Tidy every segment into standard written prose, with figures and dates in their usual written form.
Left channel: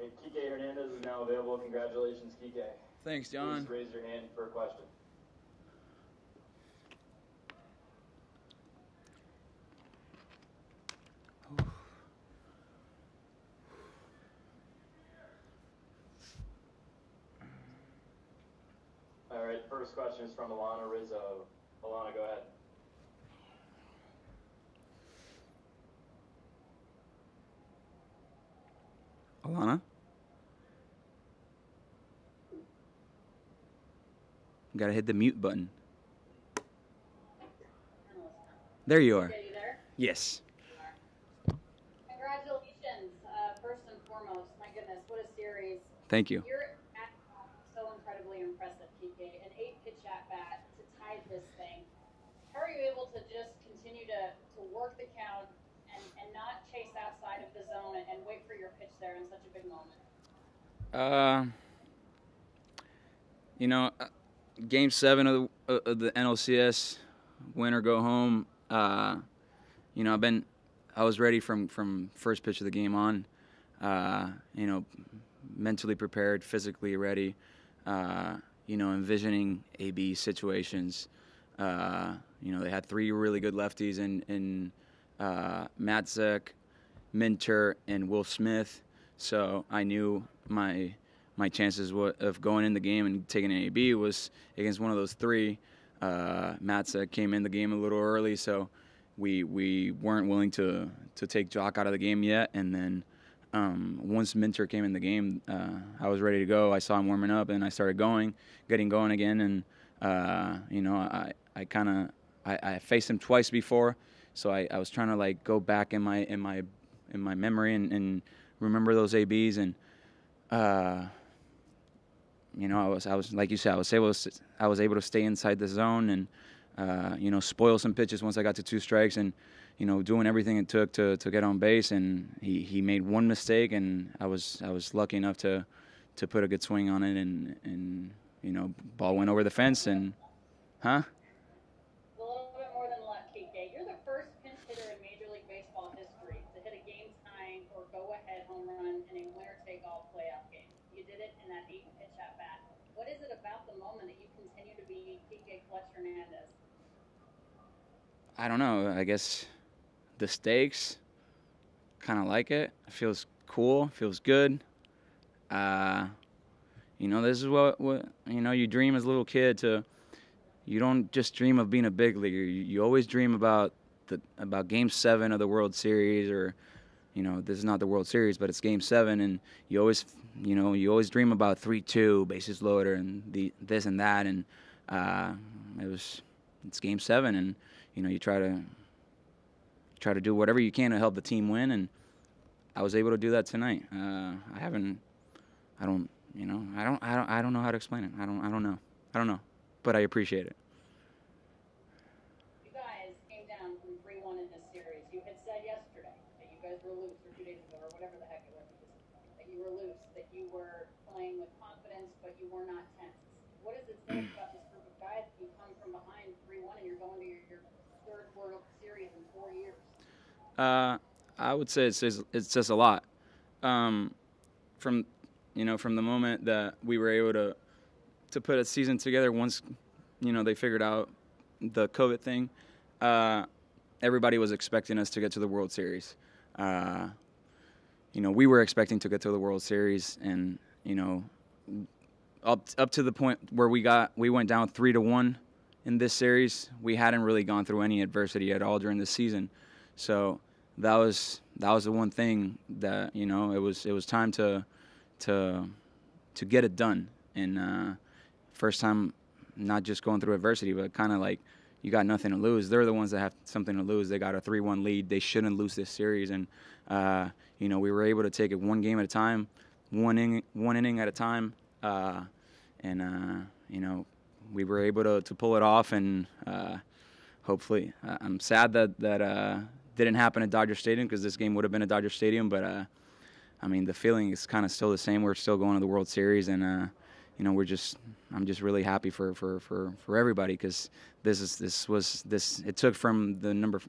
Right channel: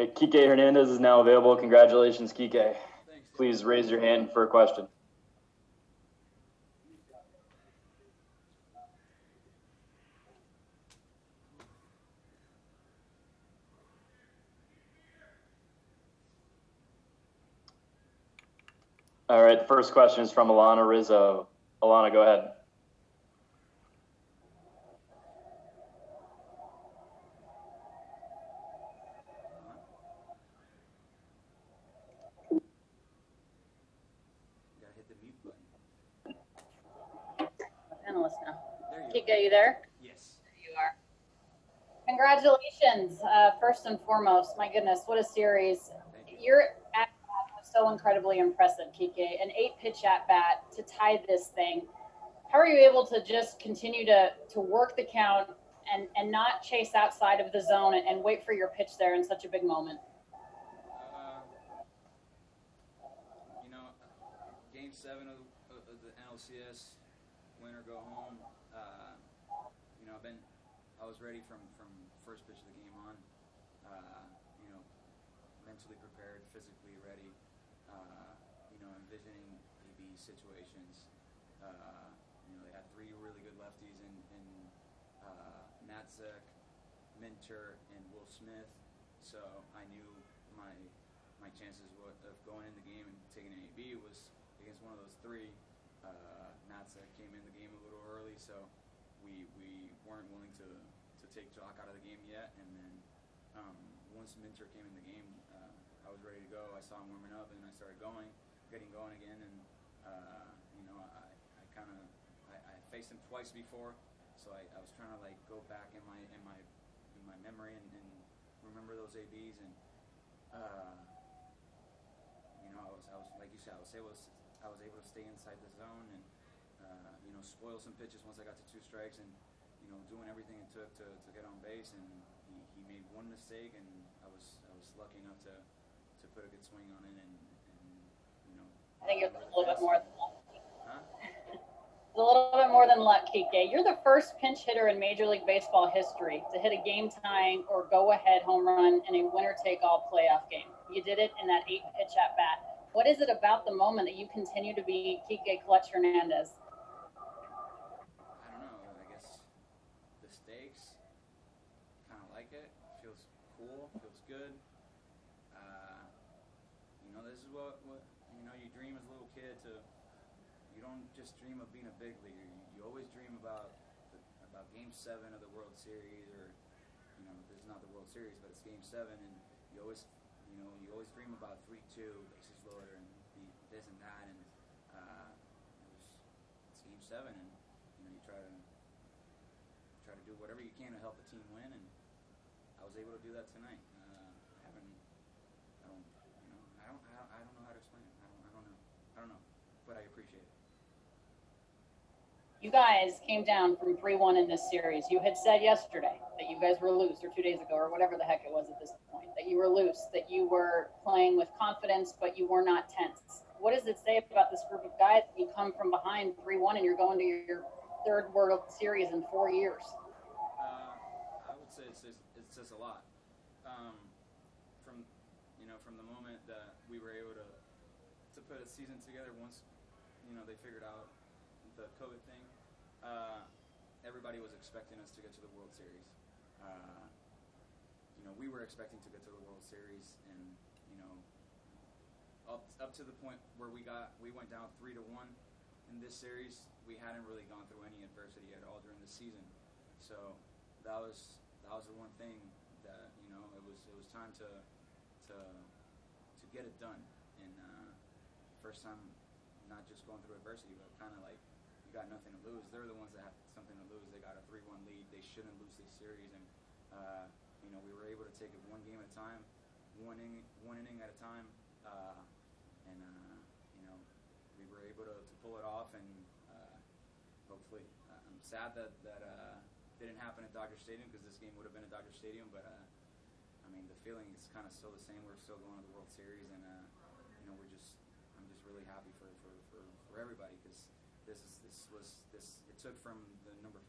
right, Kiké Hernández is now available. Congratulations, Kiké. Thanks, John. Please raise your hand for a question. All right, the first question is from Alana Rizzo. Alana, go ahead. Alana? Gotta hit the mute button. Analyst now. There you are. Kiké, you there? Yes. You are. Congratulations, first and foremost. My goodness, what a series. Thank you. Your at-bat was so incredibly impressive, Kiké. An 8-pitch at-bat to tie this thing. How are you able to just continue to work the count and not chase outside of the zone and wait for your pitch there in such a big moment? Game 7 of the NLCS, win or go home. I was ready from first pitch of the game on. Mentally prepared, physically ready. Envisioning AB situations. They had 3 really good lefties in Matzek, Minter, and Will Smith. So I knew my chances of going in the game and taking an AB was against one of those 3. Matzek came in the game a little early, so we weren't willing to take Jock out of the game yet. And then once Minter came in the game, I was ready to go. I saw him warming up, and I started getting going again. And I faced him twice before, so I was trying to go back in my memory and remember those ABs. And I was like you said, I was able to stay inside the zone and spoil some pitches once I got to 2 strikes, and doing everything it took to get on base. And he made one mistake, and I was lucky enough to put a good swing on it, and ball went over the fence. And It's a little bit more than luck, Kiké. You're the first pinch hitter in Major League Baseball history to hit a game-tying or go-ahead home run in a winner-take-all playoff game. You did it in that 8-pitch at-bat. What is it about the moment that you continue to be Kiké Clutch Hernández? I don't know. I guess the stakes, kind of like it. It feels cool. Feels good. This is what you dream as a little kid to. You don't just dream of being a big leaguer. You always dream about Game 7 of the World Series, or this is not the World Series, but it's Game 7, and you always dream about 3-2, bases loaded, and this and that, and it's Game 7, and you try to do whatever you can to help the team win, and I was able to do that tonight. I don't know how to explain it. I don't know, but I appreciate it. You guys came down from 3-1 in this series. You had said yesterday that you guys were loose, or 2 days ago, or whatever the heck it was at this point, that you were loose, that you were playing with confidence, but you were not tense. What does it say about this group of guys? You come from behind 3-1 and you're going to your 3rd World Series in 4 years. I would say it says a lot. From the moment that we were able to put a season together, once they figured out the COVID thing, everybody was expecting us to get to the World Series. We were expecting to get to the World Series, and up to the point where we went down 3-1 in this series. We hadn't really gone through any adversity at all during the season, so that was the one thing that it was time to get it done. And first time, not just going through adversity, but kind of like you got nothing to lose. They're the ones that have something to lose. They got a 3-1 lead. They shouldn't lose this series. And we were able to take it one game at a time, one inning at a time, and we were able to pull it off. And hopefully, I'm sad that didn't happen at Dodger Stadium, because this game would have been at Dodger Stadium. But the feeling is kind of still the same. We're still going to the World Series, and I'm just really happy for everybody, because it took from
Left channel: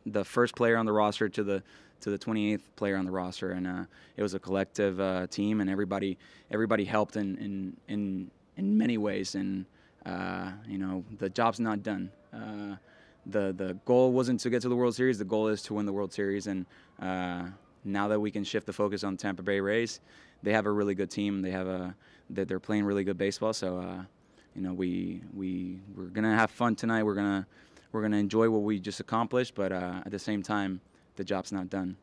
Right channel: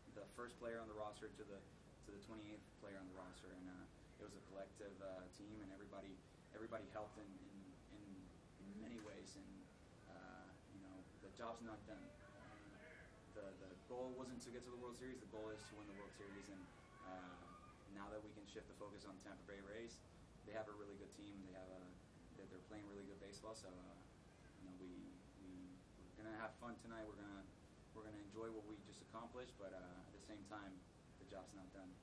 the first player on the roster to to the 28th player on the roster, and it was a collective team, and everybody helped in many ways, and you know, the job's not done. The goal wasn't to get to the World Series. The goal is to win the World Series, and now that we can shift the focus on Tampa Bay Rays, they have a really good team. They're playing really good baseball. So you know, we're gonna have fun tonight. We're gonna enjoy what we just accomplished, but at the same time, the job's not done.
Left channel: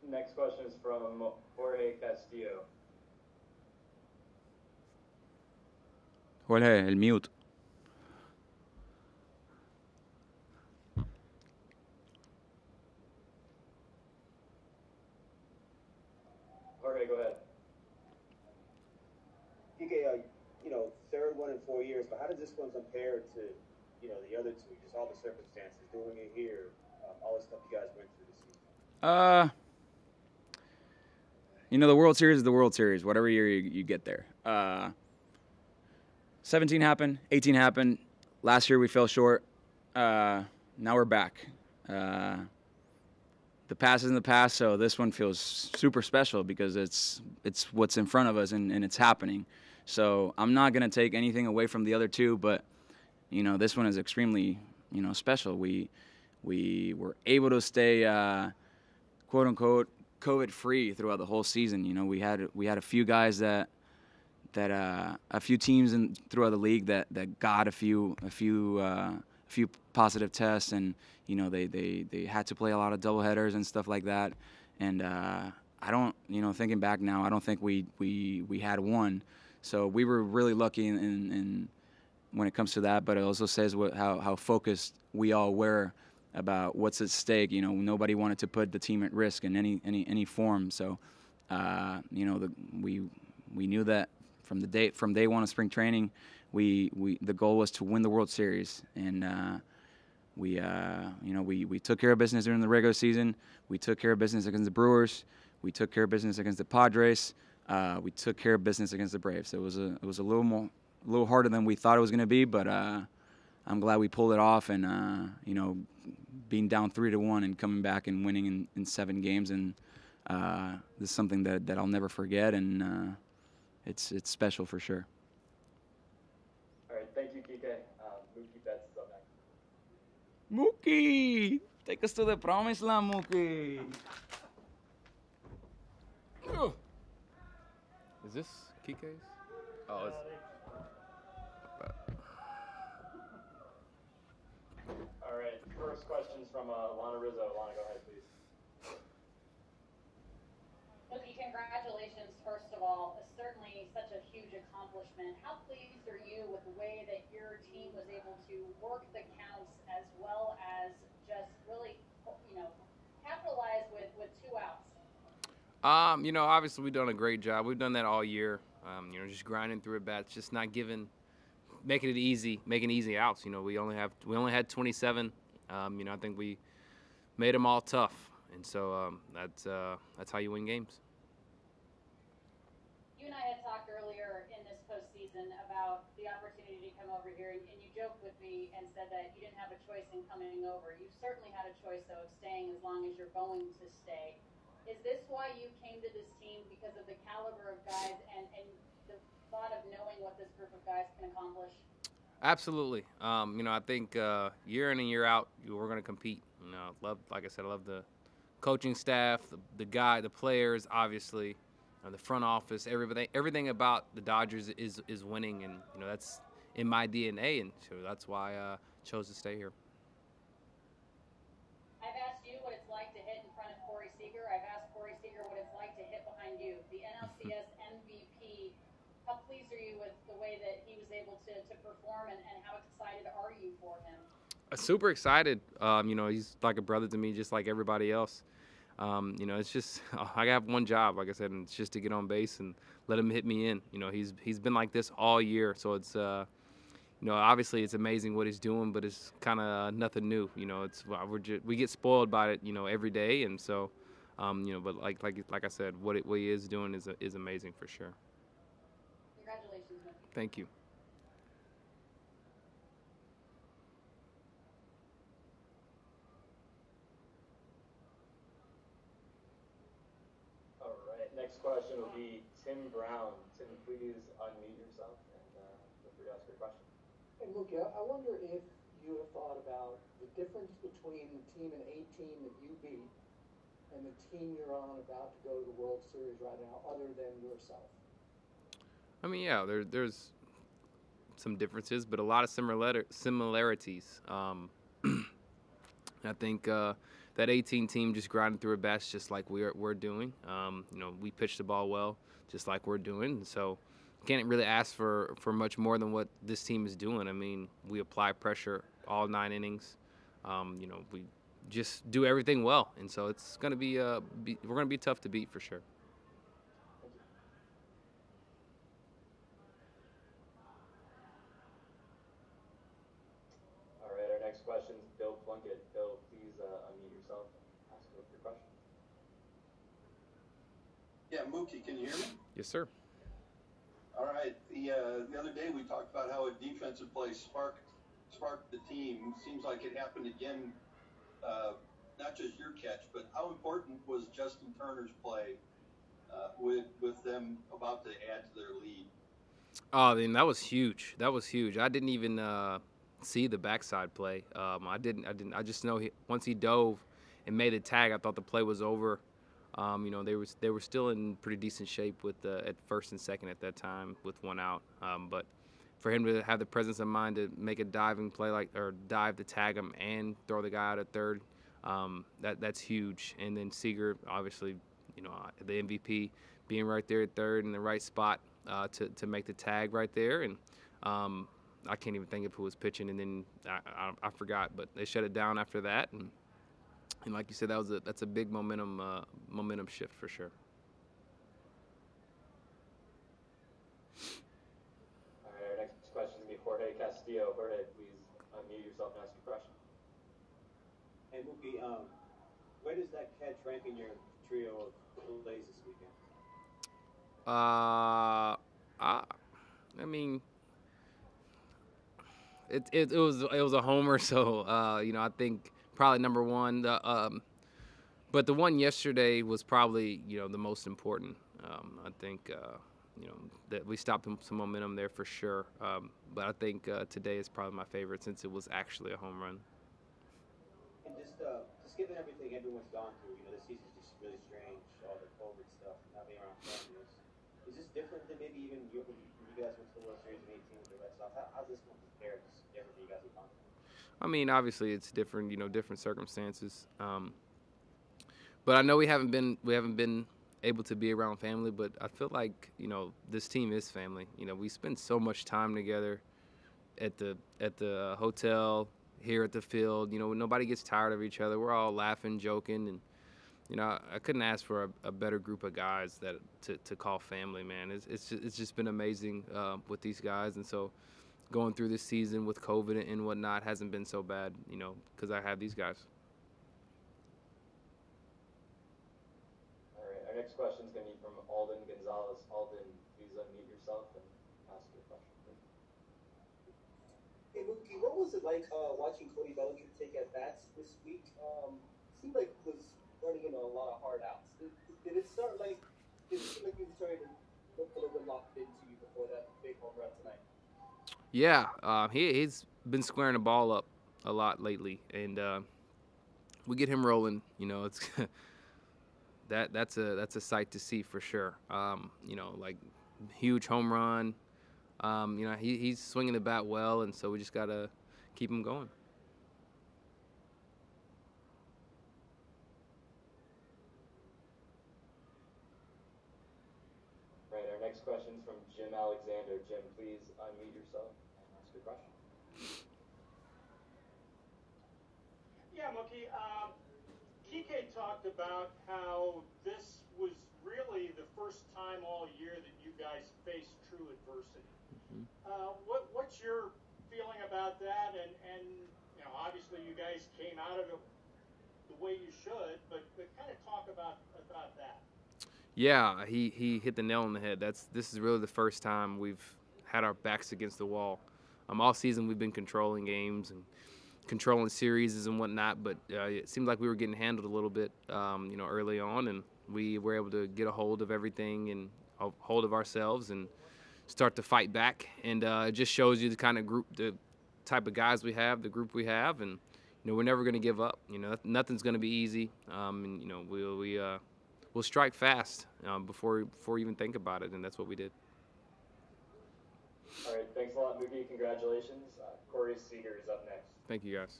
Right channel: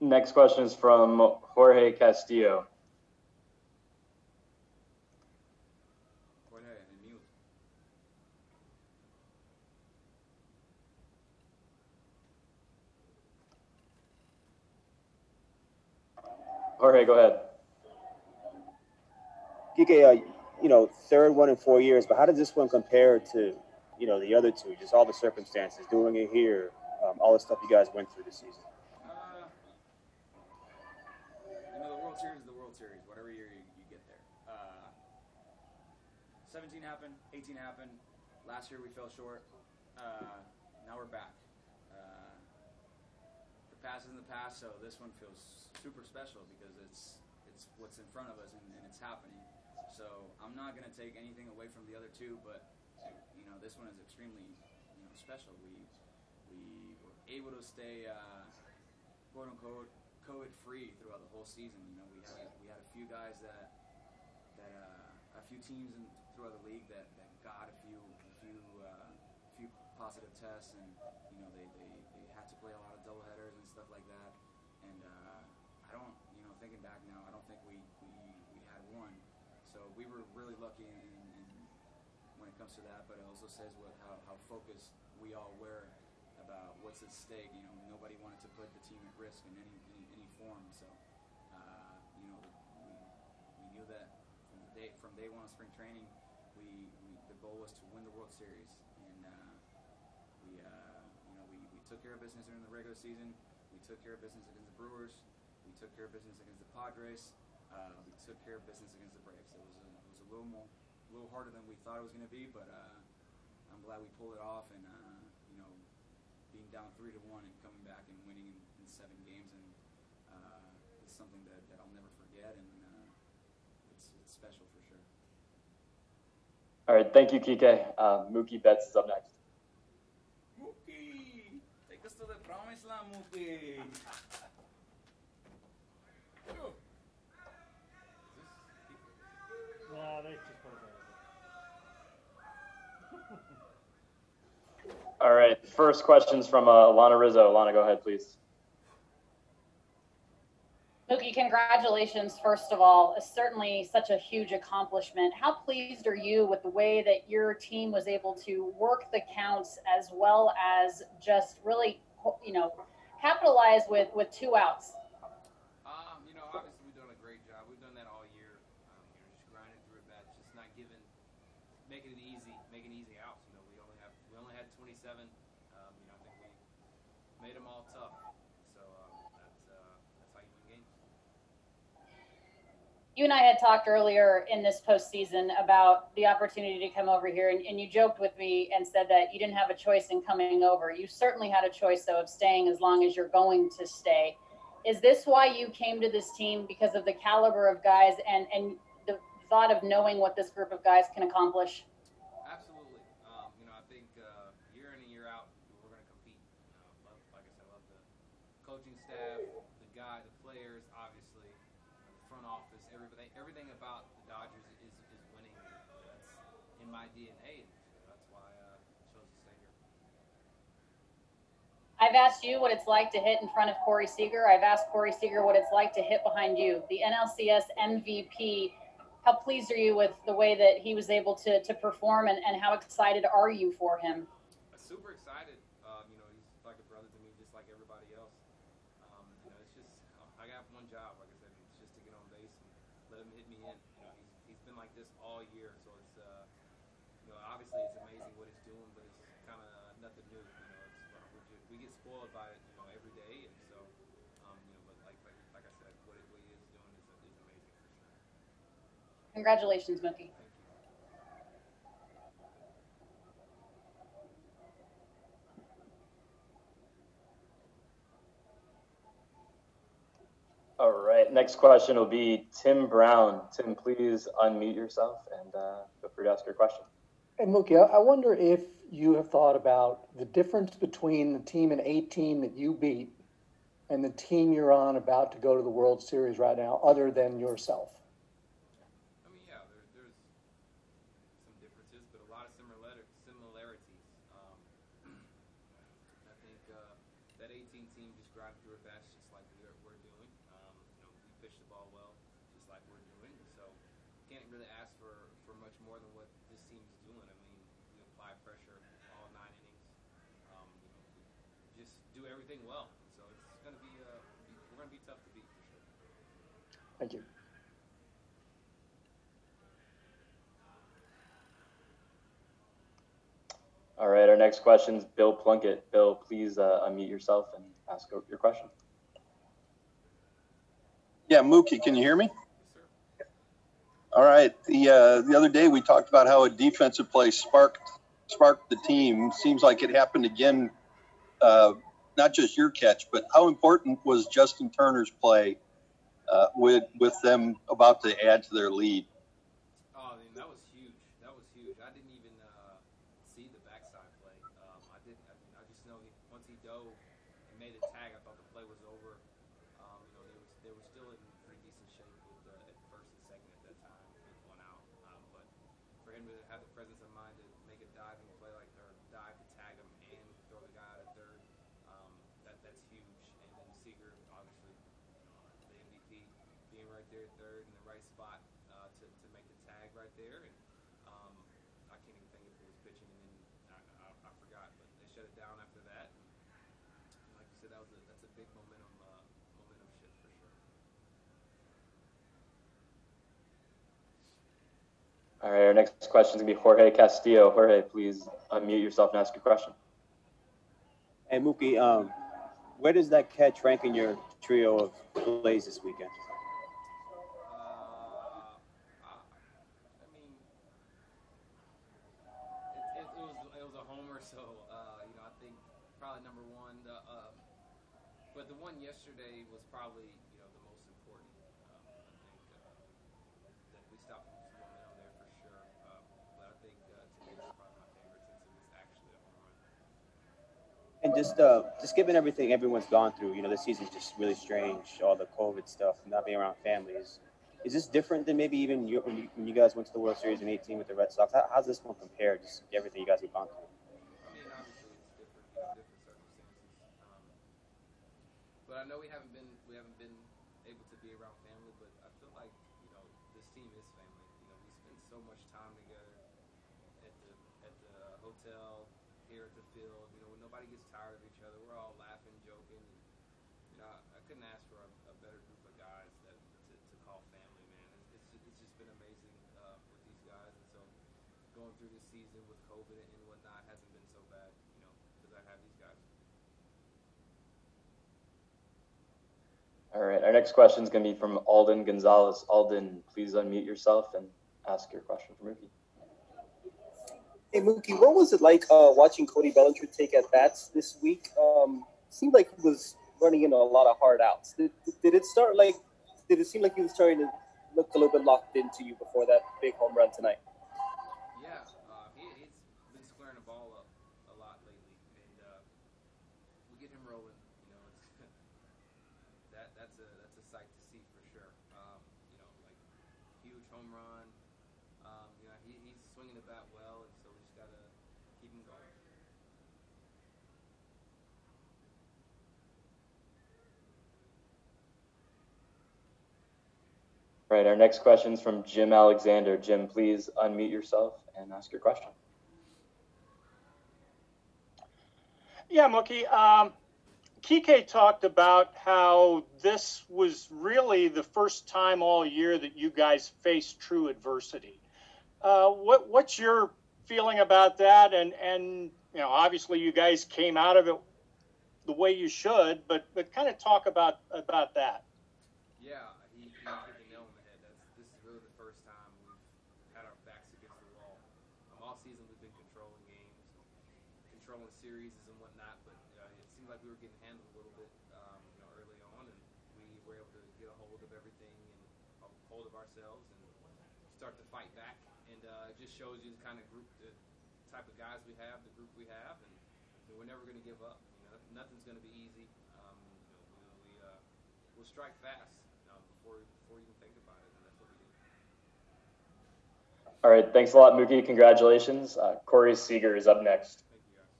Next question is from Jorge Castillo. Jorge, el mute. Jorge, go ahead. Kiké, you know, third one in 4 years, but how does this one compare to, you know, the other two? Just all the circumstances, doing it here, all the stuff you guys went through this season. You know, the World Series is the World Series, whatever year you get there. 17 happened, 18 happened. Last year we fell short. Now we're back. The past is in the past, so this one feels super special because it's what's in front of us and it's happening. So I'm not gonna take anything away from the other two, but you know, this one is extremely, you know, special. We were able to stay quote unquote COVID-free throughout the whole season. You know, we had a few guys that a few teams throughout the league that got a few positive tests, and you know, they had to play a lot of doubleheaders and stuff like that. And I don't, you know, thinking back now, I don't think we had one. So we were really lucky in when it comes to that. But it also says how focused we all were about what's at stake. You know, nobody wanted to put the team at risk in any form. So you know, we knew that from day one of spring training, the goal was to win the World Series, and you know, we took care of business during the regular season. We took care of business against the Brewers. We took care of business against the Padres. We took care of business against the Braves. It was a little harder than we thought it was going to be, but I'm glad we pulled it off, and you know, being down 3-1 and coming back and winning in 7 games, and this is something that I'll never forget, and it's special for sure. All right, thank you, Kiké. Mookie Betts is up next. Mookie, take us to the promised land, Mookie. Is this Kiké's? Oh, all right, first question's from Alana Rizzo. Alana, go ahead, please. Mookie, congratulations, first of all. It's certainly such a huge accomplishment. How pleased are you with the way that your team was able to work the counts as well as just really, you know, capitalize with 2 outs? You know, obviously we've done a great job. We've done that all year. You know, just grinding through at bats, just not making it easy, making easy outs. You know, we only had 27. You know, I think we made them all tough. And so that's how you win games. You and I had talked earlier in this postseason about the opportunity to come over here, and you joked with me and said that you didn't have a choice in coming over. You certainly had a choice, though, of staying as long as you're going to stay. Is this why you came to this team, because of the caliber of guys and the thought of knowing what this group of guys can accomplish? Absolutely. You know, I think year in and year out, we're going to compete. You know, like I said, I love the coaching staff, the players, obviously, the front office, everything about the Dodgers is winning, and you know, that's in my DNA, and so that's why I chose to stay here. I've asked you what it's like to hit in front of Corey Seager. I've asked Corey Seager what it's like to hit behind you, the NLCS MVP. How pleased are you with the way that he was able to perform, and how excited are you for him? Super excited. You know, he's like a brother to me, just like everybody else. You know, it's just I have one job, like I said, and it's just to get on base and let him hit me in. You know, he's been like this all year, so it's you know, obviously it's amazing what he's doing, but it's kind of nothing new. You know, we get spoiled by it, you know, every day, and so you know, but like I said, what he is doing is amazing for sure. Congratulations, Mookie. Thank you. next question will be Tim Brown. Tim, please unmute yourself and feel free to ask your question. And Mookie, I wonder if you have thought about the difference between the team in 18 that you beat and the team you're on about to go to the World Series right now, other than yourself. I mean, yeah, there's some differences, but a lot of similarities. I think that 18 team just grinded through a best, just like we're doing. You know, we pitched the ball well, just like we're doing. So can't really ask for much more than what this team is doing. I mean, we apply pressure all 9 innings. You know, we just do everything well, and so it's going to be we're going to be tough to beat for sure. Thank you. All right, our next question is Bill Plunkett. Bill, please unmute yourself and ask your question. Yeah, Mookie, can you hear me? Yes, sir. All right. The other day we talked about how a defensive play sparked the team. Seems like it happened again. Not just your catch, but how important was Justin Turner's play with them about to add to their lead? Oh, then that was huge. That was huge. I didn't even see the backside play. I didn't. I just know once he dove and made a tag, I thought the play was over. You know, they were still in pretty decent shape with at first and second at that time with 1 out. But for him to have the presence of mind to make a diving play or dive to tag him and throw the guy out at third, that's huge. And then Seager, obviously, you know, the MVP, being right there at third in the right spot to make the tag right there. And I can't even think of who was pitching. And then I forgot, but they shut it down after that. And like you said, that's a big momentum shift for sure. All right, our next question is going to be Jorge Castillo. Jorge, please unmute yourself and ask your question. Hey, Mookie, where does that catch rank in your trio of plays this weekend? I mean, it was a homer, so you know, I think probably number one. But the one yesterday was probably, you know, the most important. I think you know, that we stopped some momentum there for sure. But I think today is probably my favorite since it was actually a home run. And just given everything everyone's gone through, you know, this season's just really strange. All the COVID stuff, not being around families. Is this different than maybe even when you guys went to the World Series in 18 with the Red Sox? How's this one compare? Just everything you guys have gone through. I mean, obviously it's different, you know, different circumstances. But I know we haven't been able to be around family, but I feel like, you know, this team is family. You know, we spend so much time together at the hotel, here at the field. You know, nobody gets tired of each other. We're all laughing, joking, and you know, I couldn't ask for a better group of guys that to call family, man. It's just been amazing with these guys, and so going through this season with COVID and whatnot hasn't been so bad, you know, because I have these guys. All right, our next question is going to be from Alden Gonzalez. Alden, please unmute yourself and ask your question for Mookie. Hey, Mookie, what was it like watching Cody Bellinger take at bats this week? Seemed like he was running into a lot of hard outs. Did it seem like he was starting to look a little bit locked into you before that big home run tonight? Yeah, he's been squaring the ball up a lot lately, and we get him rolling. You know, it's that's a sight to see for sure. You know, like huge home run. You know, he's swinging the bat well, and so we just gotta keep him going. All right, our next question is from Jim Alexander. Jim, please unmute yourself and ask your question. Yeah, Mookie. Kiké talked about how this was really the first time all year that you guys faced true adversity. What's your feeling about that? And you know, obviously you guys came out of it the way you should, but kind of talk about that. Yeah, he hit the nail on the head. This is really the first time we've had our backs against the wall. All season we've been controlling games and controlling series and whatnot, but it seemed like we were getting handled a little bit, you know, early on, and we were able to get a hold of everything and a hold of ourselves and start to fight back. And it just shows you the kind of group, the type of guys we have, the group we have, and we're never going to give up. Nothing's going to be easy. And we'll strike fast before we even think about it, and that's what we did. All right, thanks a lot, Mookie. Congratulations. Corey Seager is up next. Thank you, guys.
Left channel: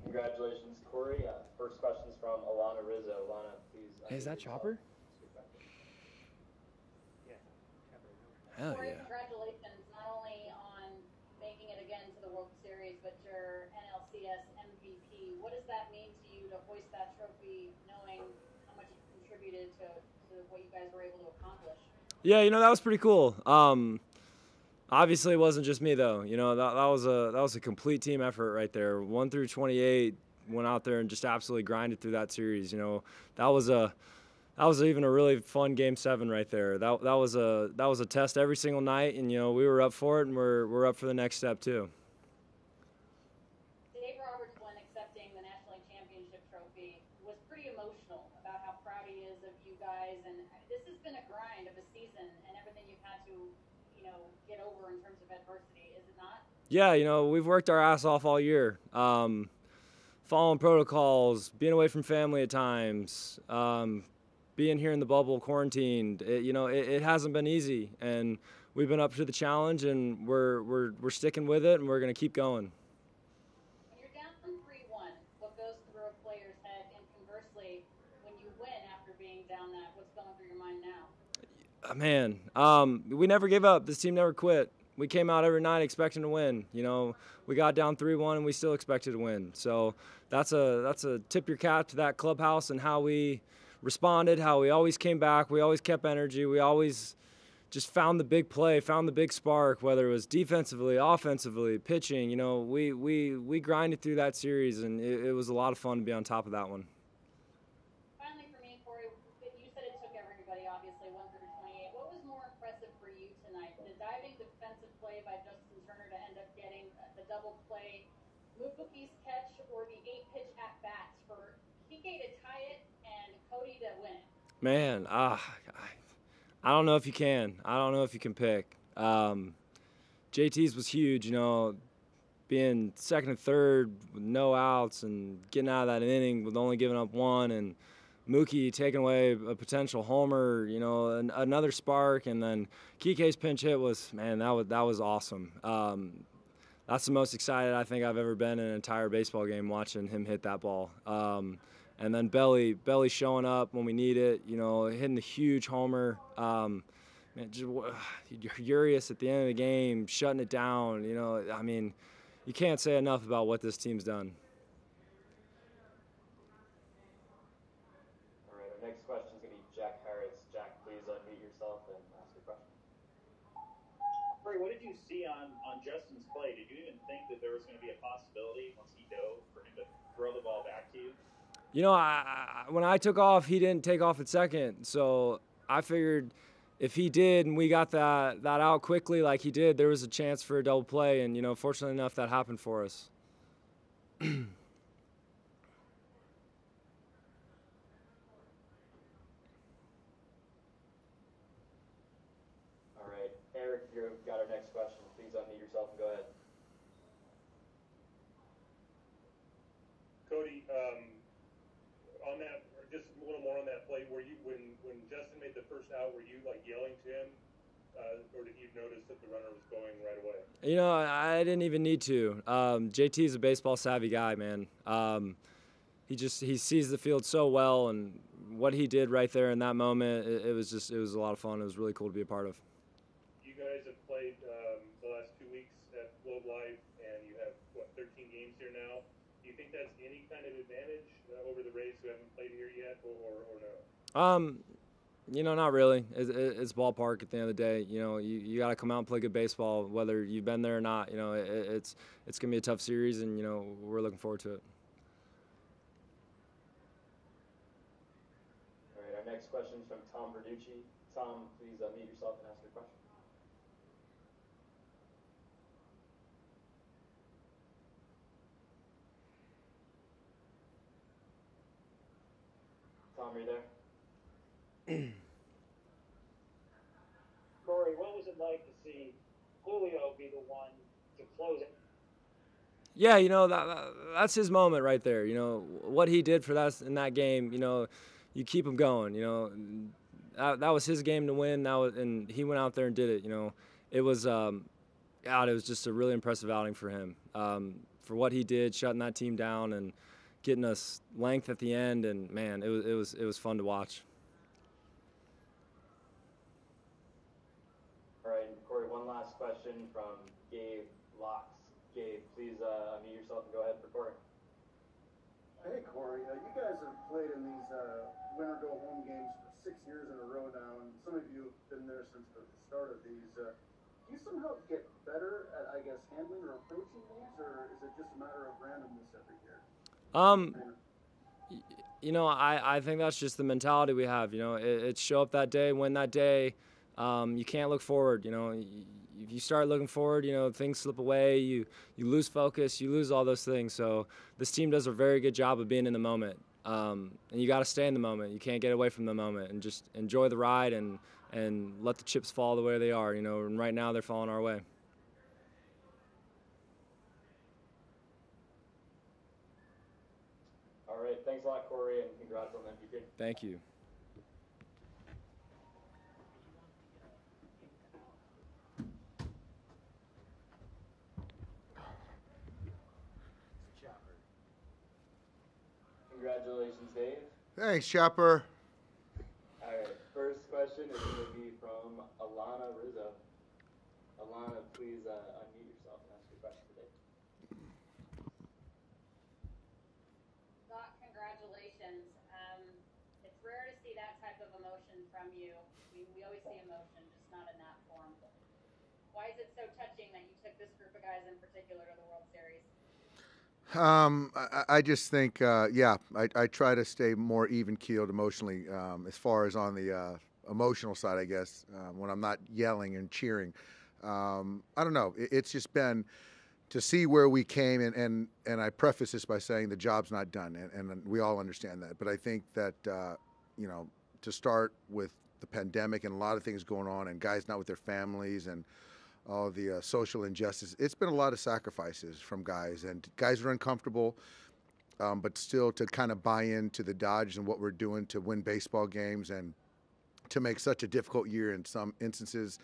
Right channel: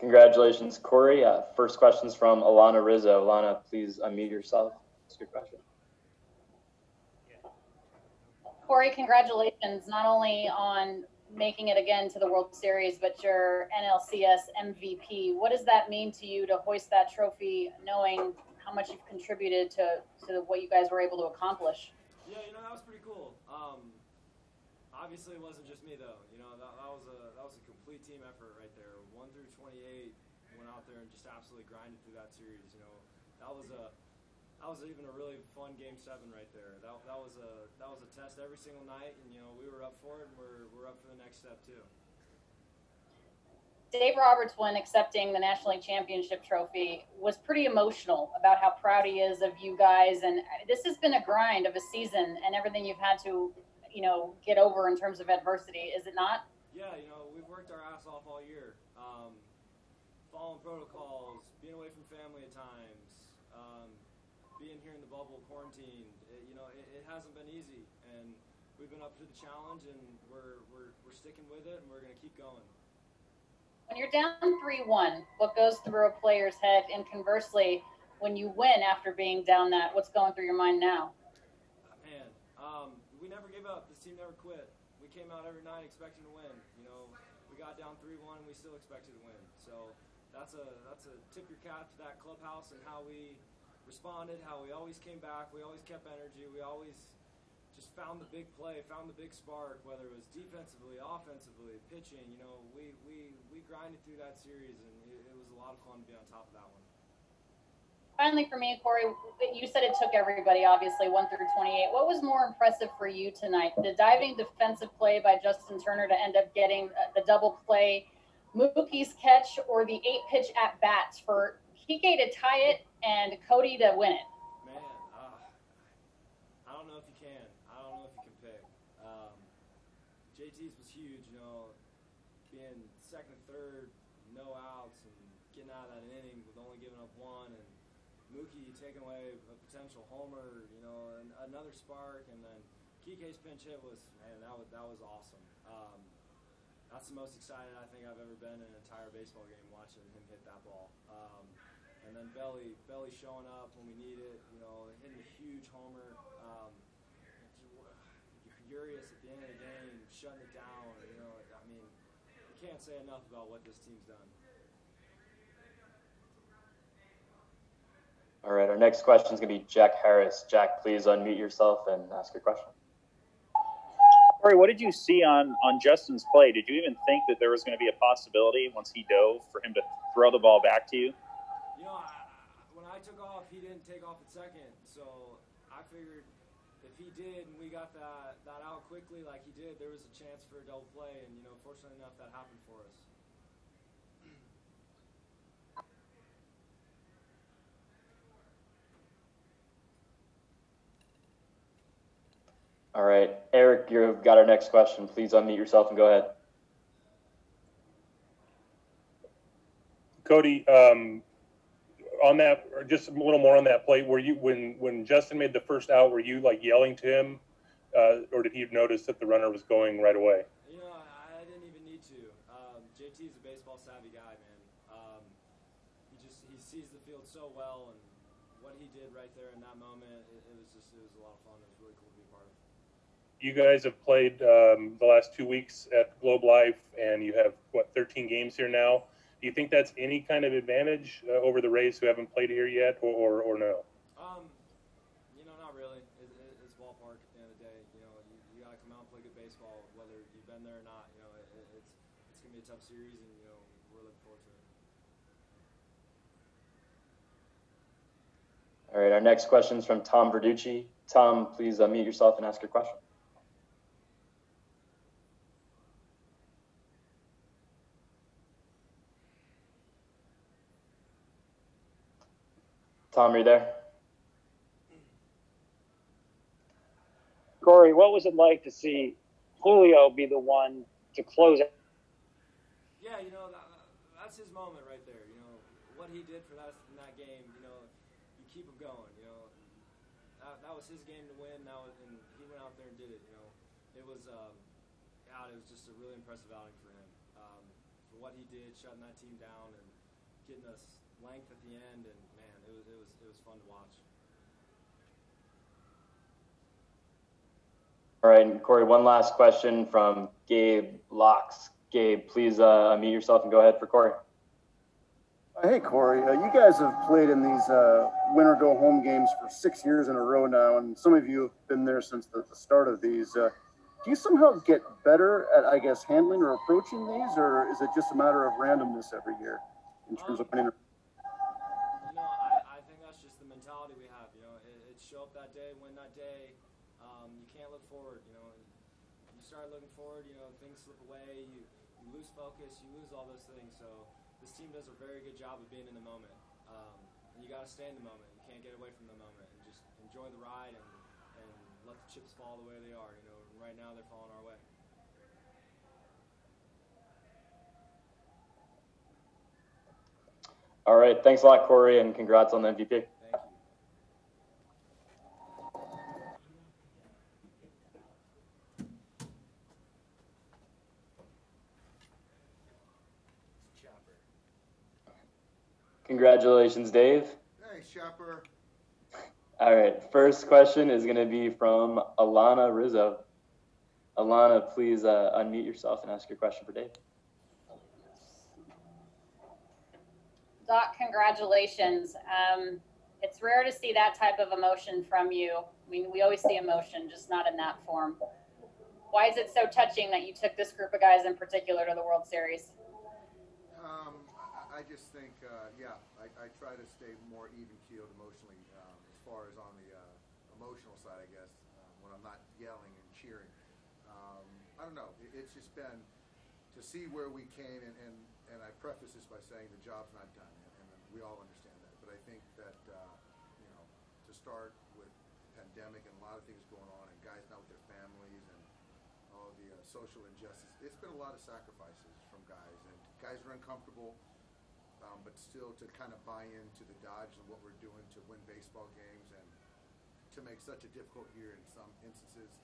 Congratulations, Corey. First question's from Alana Rizzo. Alana, please unmute yourself. Ask your question. Corey, congratulations not only on making it again to the World Series, but your NLCS MVP. What does that mean to you to hoist that trophy, knowing how much you've contributed to what you guys were able to accomplish? Yeah, that was pretty cool. Obviously, it wasn't just me though. That was a complete team effort right there. 1 through 28 went out there and just absolutely grinded through that series. That was even a really fun Game 7 right there. That was a test every single night, and we were up for it, and we're up for the next step too. Dave Roberts, when accepting the National League Championship trophy, was pretty emotional about how proud he is of you guys. And this has been a grind of a season and everything you've had to, get over in terms of adversity, is it not? Yeah, we've worked our ass off all year. Following protocols, being away from family at times, being here in the bubble, quarantined. It hasn't been easy, and we've been up to the challenge, and we're sticking with it, and we're going to keep going. When you're down 3-1, what goes through a player's head? And conversely, when you win after being down that, what's going through your mind now? Man, we never gave up. This team never quit. We came out every night expecting to win. We got down 3-1, and we still expected to win. So that's a tip your cap to that clubhouse and how we responded, how we always came back. We always kept energy. We always just found the big play, found the big spark, whether it was defensively, offensively, pitching. We grinded through that series, and it was a lot of fun to be on top of that one. Finally, for me, Corey, you said it took everybody, obviously, 1 through 28. What was more impressive for you tonight? The diving defensive play by Justin Turner to end up getting the double play, Mookie's catch, or the 8-pitch at-bats for Kiké to tie it and Cody to win it? Man, I don't know if you can. I don't know if you can pick. JT's was huge, being second and third with no outs and getting out of that inning with only giving up one, and Mookie taking away a potential homer, another spark, and then Kiké's pinch hit was, man, that was awesome. That's the most excited I think I've ever been in an entire baseball game, watching him hit that ball. And then Belly showing up when we need it, hitting a huge homer. Urias at the end of the game, shutting it down. You can't say enough about what this team's done. All right, our next question is going to be Jack Harris. Jack, please unmute yourself and ask your question. Corey, what did you see on Justin's play? Did you even think that there was going to be a possibility once he dove for him to throw the ball back to you? When I took off, he didn't take off at second. So I figured if he did and we got that out quickly like he did, there was a chance for a double play. And, fortunately enough, that happened for us. All right, Eric, you've got our next question. Please unmute yourself and go ahead. Cody, on that, or just a little more on that play, were you, when Justin made the first out, were you like yelling to him, or did he notice that the runner was going right away? I didn't even need to. JT's a baseball savvy guy, man. He sees the field so well, and what he did right there in that moment, it was a lot of fun. It was really cool to be a part of. You guys have played the last 2 weeks at Globe Life, and you have, 13 games here now. Do you think that's any kind of advantage over the Rays who haven't played here yet, or no? Not really. It's ballpark at the end of the day. You got to come out and play good baseball, whether you've been there or not. It's going to be a tough series, and, we're looking forward to it. All right, our next question is from Tom Verducci. Tom, please unmute yourself and ask your question. Tom, are you there? Corey, what was it like to see Julio be the one to close it? Yeah, that's his moment right there. What he did for us in that game. You keep him going. That was his game to win. And he went out there and did it. It was it was just a really impressive outing for him. For what he did, shutting that team down and getting us length at the end. And man, it was fun to watch. All right, and Corey, one last question from Gabe Locks. Gabe, please unmute yourself and go ahead for Corey. Hey, Corey. You guys have played in these winner-go-home games for 6 years in a row now, and some of you have been there since the start of these. Do you somehow get better at, I guess, handling or approaching these, or is it just a matter of randomness every year? I think that's just the mentality we have. It's show up that day, win that day. You can't look forward. If you start looking forward, things slip away. You lose focus. You lose all those things. So this team does a very good job of being in the moment. And you got to stay in the moment. You can't get away from the moment and just enjoy the ride and let the chips fall the way they are. And right now they're falling our way. All right. Thanks a lot, Corey, and congrats on the MVP. Thank you. Congratulations, Dave. Thanks, Chapter. All right. First question is going to be from Alana Rizzo. Alana, please unmute yourself and ask your question for Dave. Doc, congratulations. It's rare to see that type of emotion from you. I mean, we always see emotion, just not in that form. Why is it so touching that you took this group of guys in particular to the World Series? I just think, I try to stay more even-keeled emotionally as far as on the emotional side, I guess, when I'm not yelling and cheering. I don't know. It's just been to see where we came, and I preface this by saying the job's not done, and we all understand that. But I think that, to start with the pandemic and a lot of things going on and guys not with their families and all the social injustice, it's been a lot of sacrifices from guys, and guys are uncomfortable, but still to kind of buy into the Dodge and what we're doing to win baseball games and to make such a difficult year in some instances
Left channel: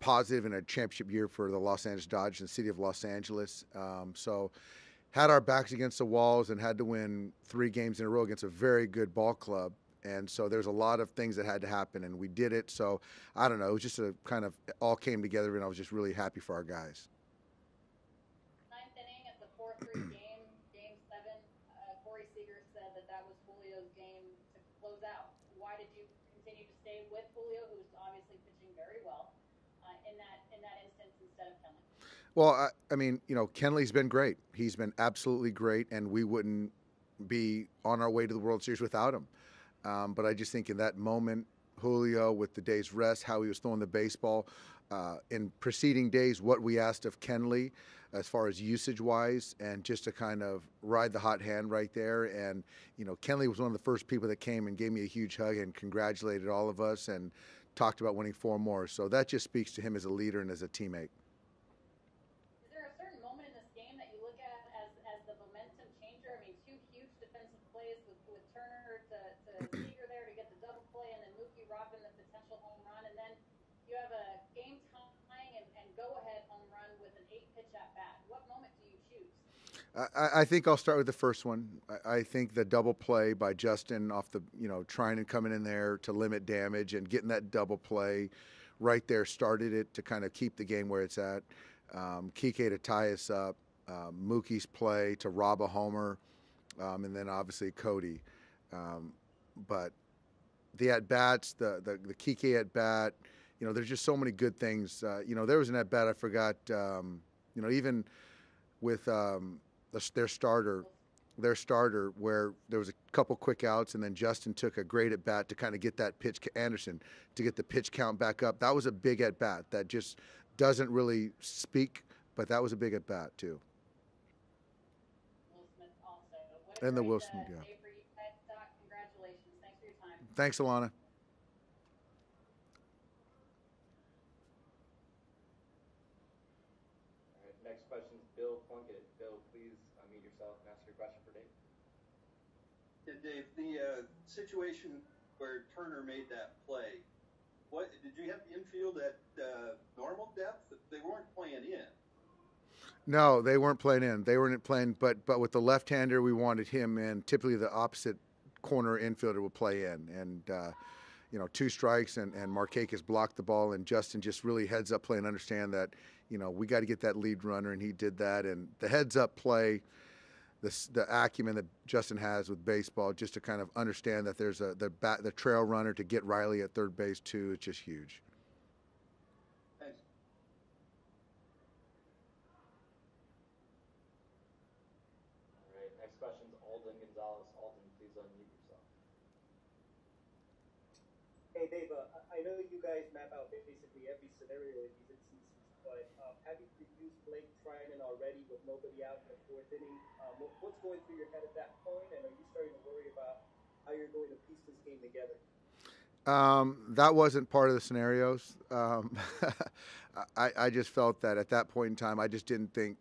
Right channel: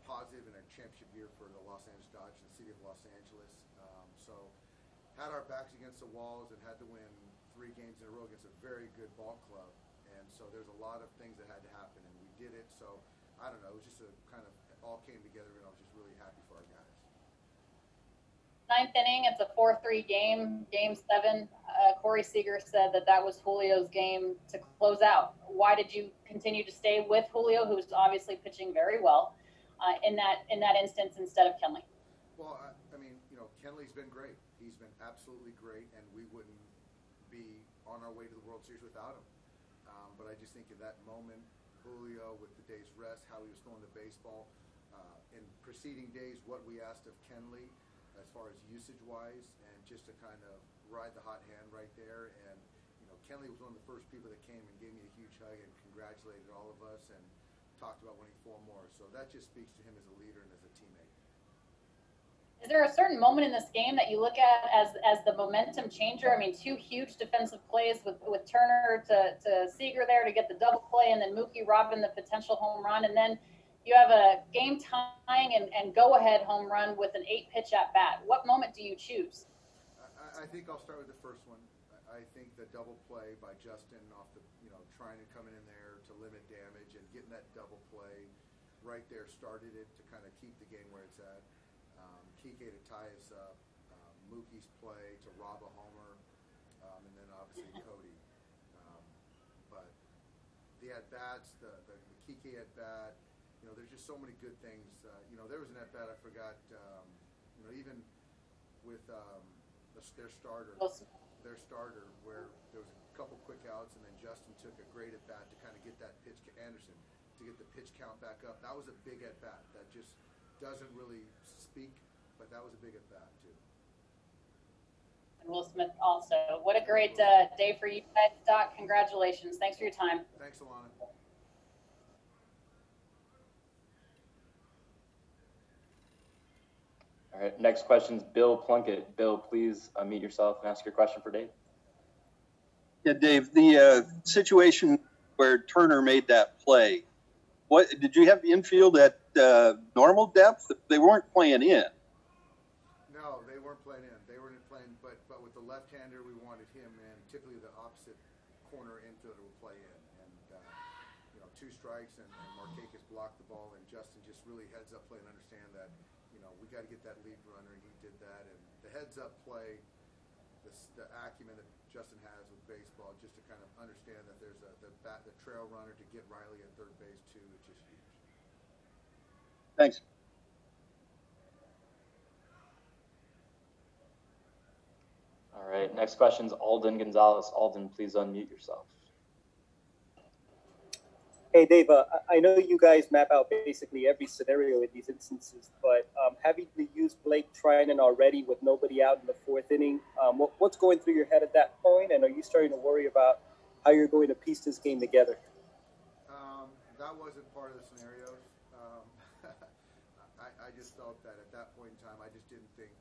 positive in a championship year for the Los Angeles Dodgers and the city of Los Angeles. So had our backs against the walls and had to win 3 games in a row against a very good ball club. And so there's a lot of things that had to happen, and we did it. So I don't know, it was just a kind of all came together, and I was just really happy for our guys. 9th inning, it's a 4-3 game, game 7. Corey Seager said that was Julio's game to close out. Why did you continue to stay with Julio, who's obviously pitching very well, in that instance instead of Kenley? Well, I mean, Kenley's been great. He's been absolutely great, and we wouldn't be on our way to the World Series without him. But I just think in that moment, Julio, with the day's rest, how he was throwing the baseball, in preceding days, what we asked of Kenley as far as usage-wise, and just to kind of ride the hot hand right there. And, Kenley was one of the first people that came and gave me a huge hug and congratulated all of us and talked about winning 4 more. So that just speaks to him as a leader and as a teammate. Is there a certain moment in this game that you look at as the momentum changer? I mean, 2 huge defensive plays with Turner to Seager there to get the double play, and then Mookie robbing the potential home run, and then you have a game tying and go ahead home run with an 8-pitch at bat. What moment do you choose? I think I'll start with the first one. I think the double play by Justin off the, trying and coming in there to limit damage and getting that double play right there started it to kind of keep the game where it's at. Kiké to tie us up, Mookie's play to rob a homer, and then obviously Cody. But the at-bats, the Kiké at-bat, there's just so many good things. There was an at-bat I forgot, even with their starter, their starter, where there was a couple quick outs, and then Justin took a great at bat to kind of get that pitch, Anderson, to get the pitch count back up. That was a big at bat that just doesn't really speak, but that was a big at bat too. Will Smith also. What a And great Will Smith, day for you guys, Doc. Congratulations. Thanks for your time. Thanks, Alana. All right, next question's Bill Plunkett. Bill, please unmute yourself and ask your question for Dave. Yeah, Dave, the situation where Turner made that play, what did you have the infield at normal depth? They weren't playing in. No, they weren't playing in. They weren't playing, but with the left-hander, we wanted him in. Typically, the opposite corner infielder will play in, and you know, 2 strikes, and Markakis blocked the ball, and Justin just really heads up play and understand that, you know, we got to get that lead runner, and he did that. And the heads up play, the acumen that Justin has with baseball, just to kind of understand that there's the trail runner to get Riley at third base too. It's just huge. Thanks. All right, next question's Alden Gonzalez. Alden, please unmute yourself. Hey, Dave, I know you guys map out basically every scenario in these instances, but having to use Blake Trinan already with nobody out in the 4th inning, what's going through your head at that point, and are you starting to worry about how you're going to piece this game together? That wasn't part of the scenarios. I just felt that at that point in time, I just didn't think,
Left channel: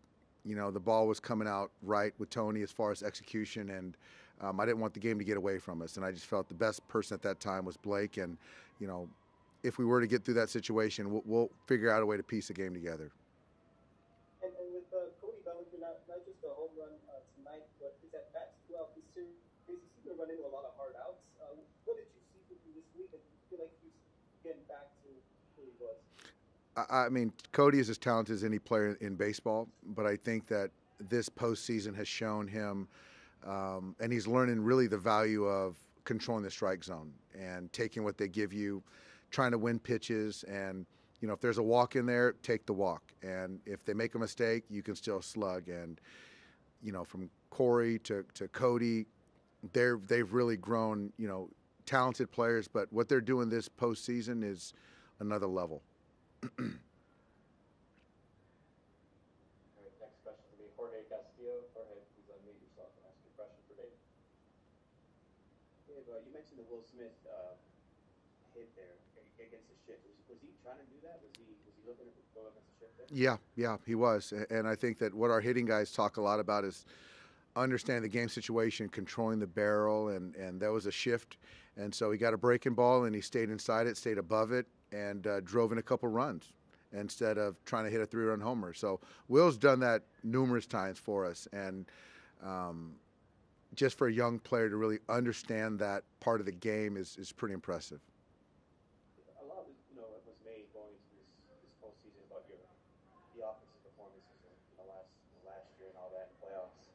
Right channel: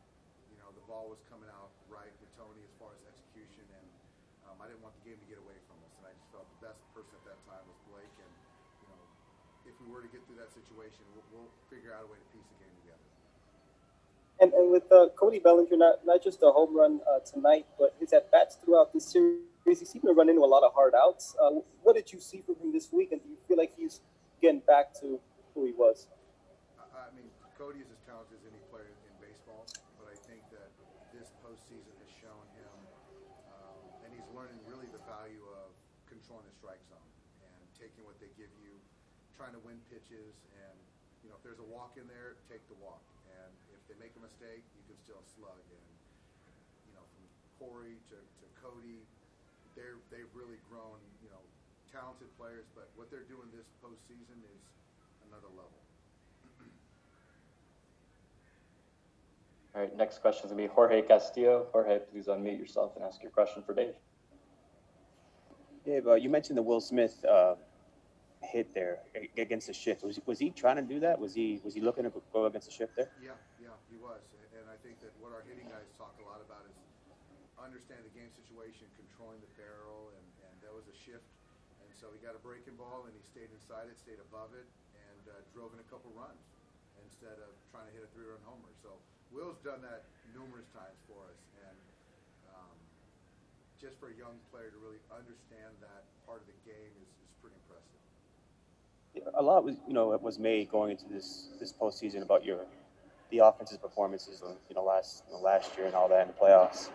you know, the ball was coming out right with Tony as far as execution, and I didn't want the game to get away from us, and I just felt the best person at that time was Blake. And, you know, if we were to get through that situation, we'll figure out a way to piece the game together. And with Cody Bellinger, not just a home run tonight, but his at-bats throughout this series, he seemed to run into a lot of hard outs. What did you see from him this week, and do you feel like he's getting back to who he was? I mean, Cody is as talented as any player in baseball, but I think that this postseason has shown him, and he's learning really the value of controlling the strike zone and taking what they give you, trying to win pitches. And, you know, if there's a walk in there, take the walk. And if they make a mistake, you can still slug. And, you know, from Corey to Cody, they've really grown, you know, talented players. But what they're doing this postseason is another level. All right, next question is going to be Jorge Castillo. Jorge, please unmute yourself and ask your question for Dave. Dave, you mentioned the Will Smith hit there against the shift. Was he trying to do that? Was he looking to go against the shift there? Yeah, he was. And I think that what our hitting guys talk a lot about is understanding the game situation, controlling the barrel, and there was a shift. And so he got a breaking ball, and he stayed inside it, stayed above it, and drove in a couple runs instead of trying to hit a 3-run homer. So Will's done that numerous times for us, and just for a young player to really understand that part of the game is pretty impressive. A lot was made going into this postseason about the offensive performances, last year and all that in the playoffs.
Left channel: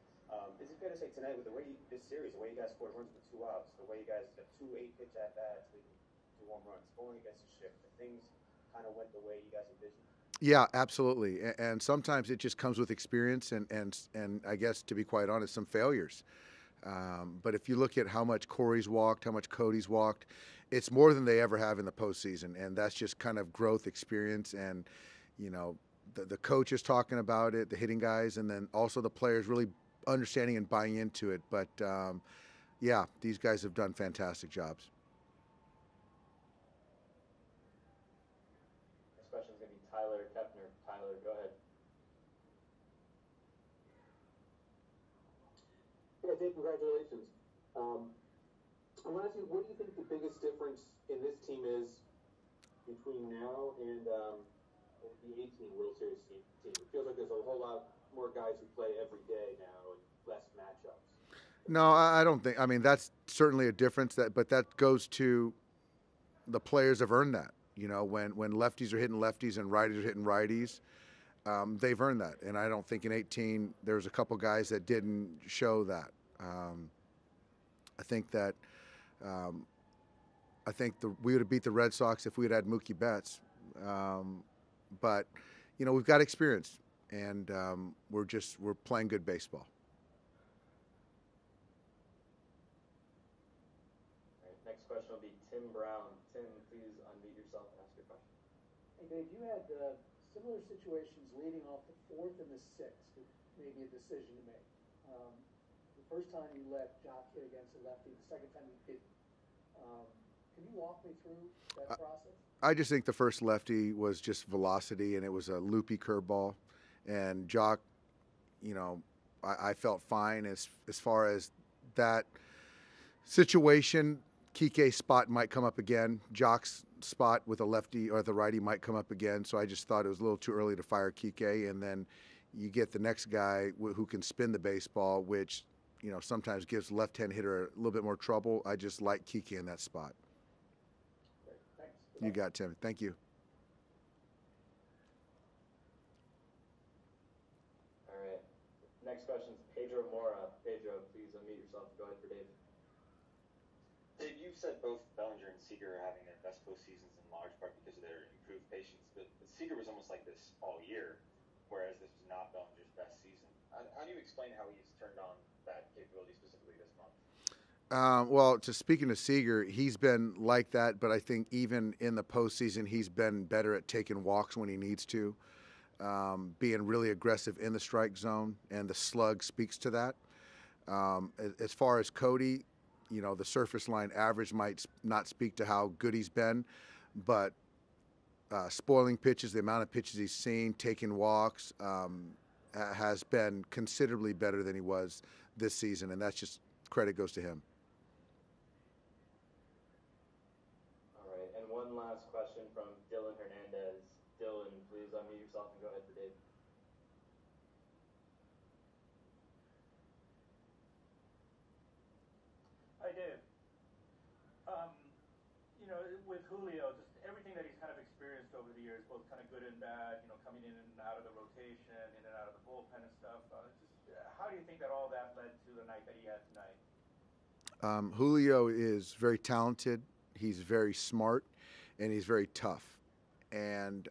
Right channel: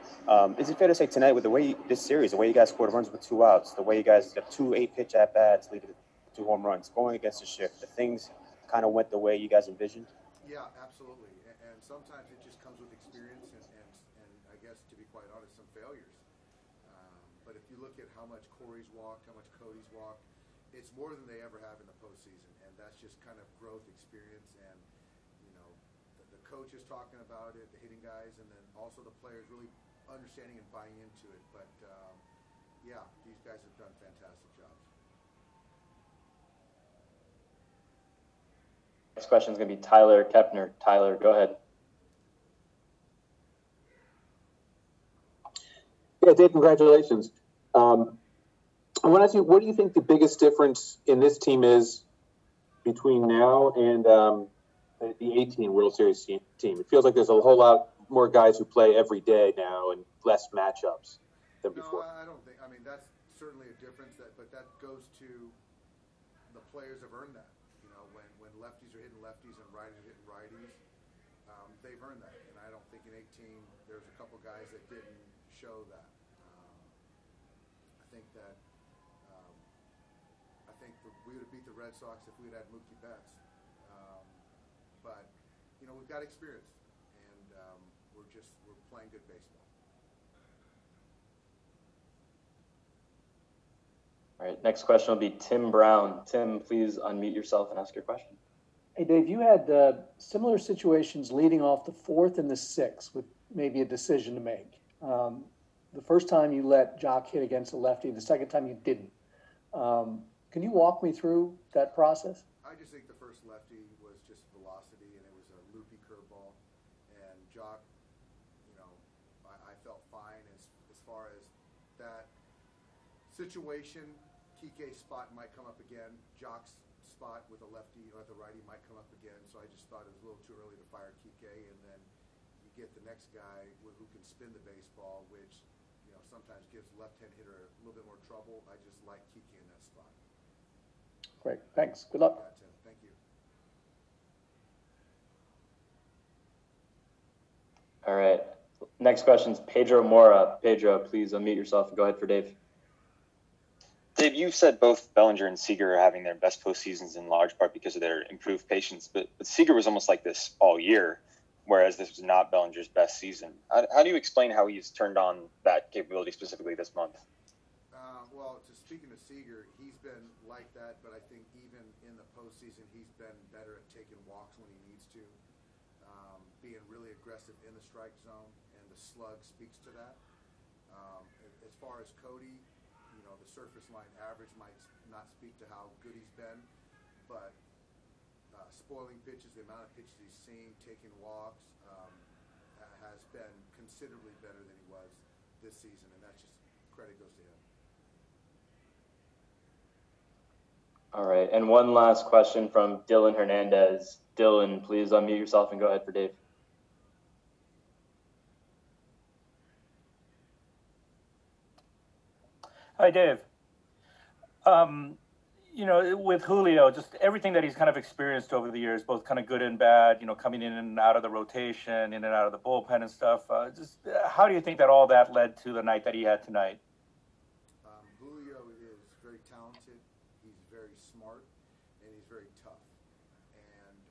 Is it fair to say tonight, with the way this series, the way you guys scored runs with 2 outs, the way you guys got 2 8-pitch at bats, leading to 2 home runs, going against the shift, the things kind of went the way you guys envisioned? Yeah, absolutely. And sometimes it just comes with experience and I guess, to be quite honest, some failures. But if you look at how much Corey's walked, how much Cody's walked, it's more than they ever have in the postseason. And that's just kind of growth, experience, and, you know, the coach is talking about it, the hitting guys, and then also the players really understanding and buying into it. But, yeah, these guys have done fantastic jobs. Next question is going to be Tyler Kepner. Tyler, go ahead. Yeah, Dave, congratulations. I want to ask you, what do you think the biggest difference in this team is between now and the 18 World Series team? It feels like there's a whole lot more guys who play every day now and less matchups. No, I don't think. I mean, that's certainly a difference, but that goes to the players have earned that. You know, when lefties are hitting lefties and righties are hitting righties, they've earned that. And I don't think in 18 there's a couple guys that didn't show that. I think that we would have beat the Red Sox if we had Mookie Betts. But, you know, we've got experience, and we're playing good baseball. All right, next question will be Tim Brown. Tim, please unmute yourself and ask your question. Hey, Dave, you had similar situations leading off the fourth and the sixth with maybe a decision to make. The first time you let Jock hit against a lefty, the second time you didn't. Can you walk me through that process? I just think the first lefty was just velocity, and it was a loopy curveball. And Jock, you know, I felt fine as far as that situation. Kiké's spot might come up again. Jock's spot with a lefty or the righty might come up again. So I just thought it was a little too early to fire Kiké. And then you get the next guy who can spin the baseball, which, you know, sometimes gives left-hand hitter a little bit more trouble. I just like Kiké in that spot. Great. Thanks. Good luck. You got it, Tim. Thank you. All right. Next question is Pedro Mora. Pedro, please unmute yourself and go ahead for Dave. Dave, you've said both Bellinger and Seager are having their best postseasons in large part because of their improved patience, but Seager was almost like this all year, whereas this was not Bellinger's best season. How do you explain how he's turned on that capability specifically this month? Well, speaking to Seager, he's been like that, but I think even in the postseason, he's been better at taking walks when he needs to, being really aggressive in the strike zone, and the slug speaks to that. As far as Cody, you know, the surface line average might not speak to how good he's been, but spoiling pitches, the amount of pitches he's seen, taking walks, has been considerably better than he was this season, and that's just credit goes to him. All right, and one last question from Dylan Hernandez. Dylan, please unmute yourself and go ahead for Dave. Hi, Dave. You know, with Julio, just everything that he's kind of experienced over the years, both kind of good and bad, you know, coming in and out of the rotation, in and out of the bullpen and stuff. How do you think that all that led to the night that he had tonight? Julio is very talented. He's very smart, and he's very tough. And,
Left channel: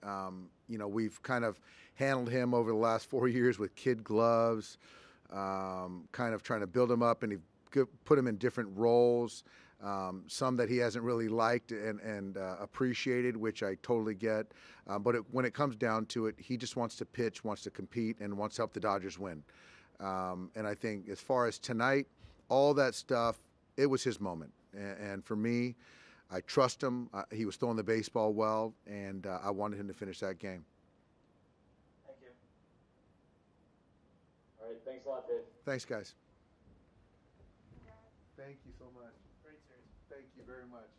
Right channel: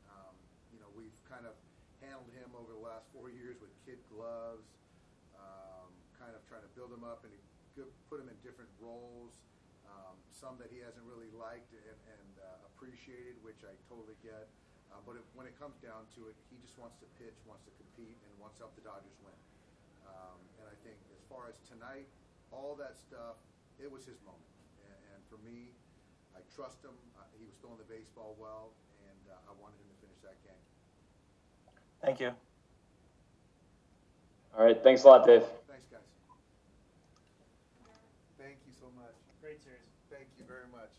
you know, we've kind of handled him over the last 4 years with kid gloves, kind of trying to build him up, and put him in different roles, some that he hasn't really liked and appreciated, which I totally get. But when it comes down to it, he just wants to pitch, wants to compete, and wants to help the Dodgers win. And I think as far as tonight, all that stuff, it was his moment. And for me, I trust him. He was throwing the baseball well, and I wanted him to finish that game. Thank you. All right, thanks a lot, Dave. Thanks, guys. Thank you so much. Great series. Thank you very much.